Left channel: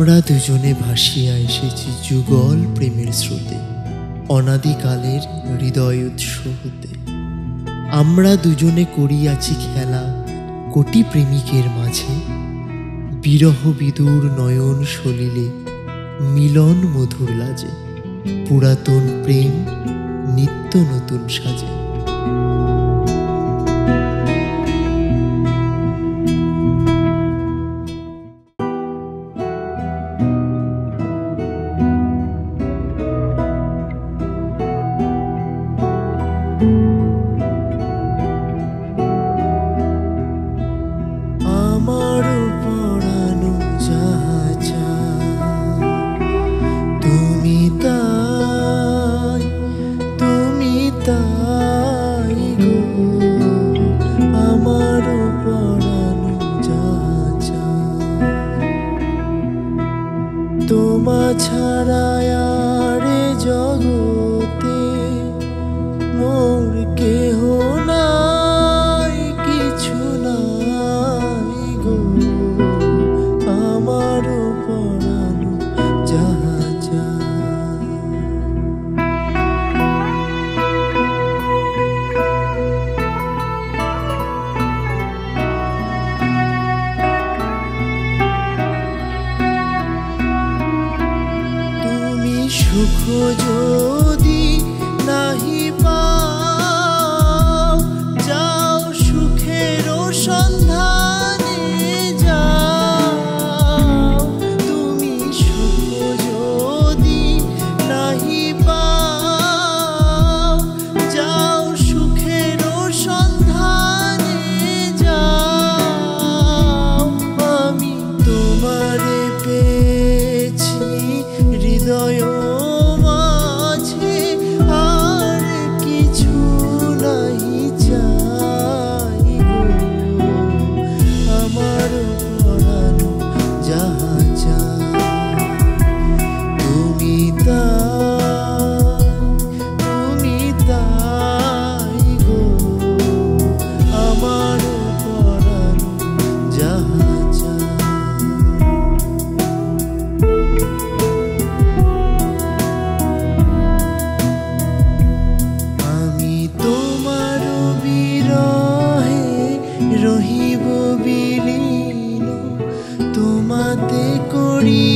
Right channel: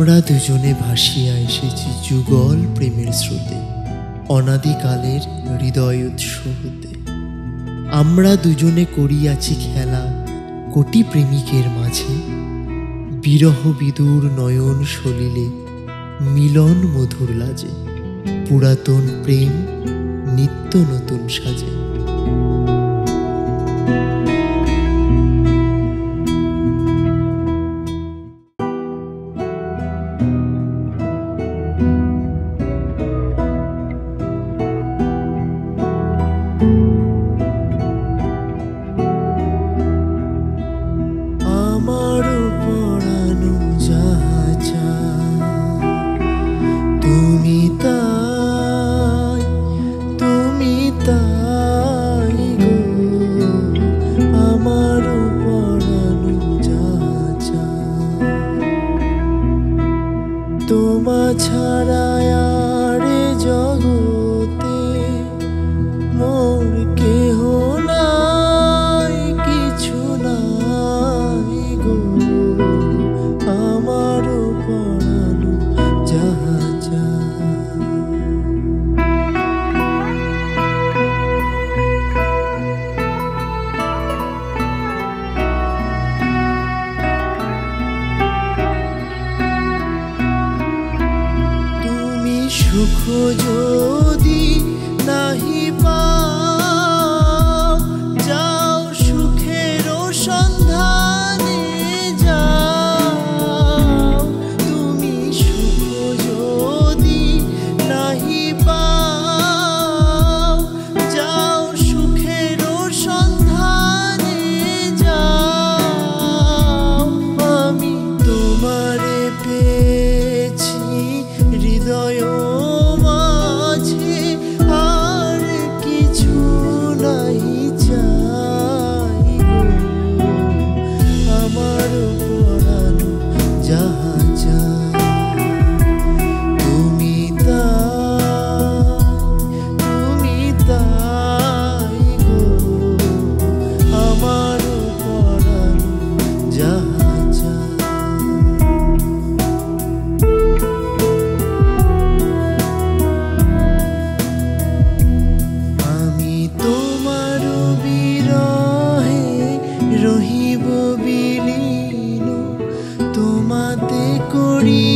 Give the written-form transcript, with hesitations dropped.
আমরা দুজনে ভাসিয়া এসেছি যুগল প্রেমের স্রোতে, অনাদিকালের হৃদয় উৎস হতে। আমরা দুজনে করিয়াছি খেলা কোটি প্রেমিকের মাঝে, বিরহ বিদুর নয়ন সলিলে মিলন মধুর লাজে, পুরাতন প্রেম নিত্য নতুন সাজে। আমার পরানো যাহা চায় তুমি তাই, তুমি তাই গো। আমার পরানো যাহা চায় তোমা ছাড়া আর জগতে মোর কেহ নাই, কিছু নাই গো। আমার পরানো যাহা চায় তুমি সুখ যদি নাহি পাও, যাও সুখের সন্ধানে যাও। তুমি সুখ যদি নাহি পাও, যাও সুখের সন্ধানে যাও। আমি তোমারে পেয়েছি হৃদয় মাঝে, আর কিছু নাহি চাই গো। আমার পরানো যাহা চায় তুমি তাই, তুমি তাই গো। আমার পরানো যাহা চায় রহিব বিলীন, তোমাতে করি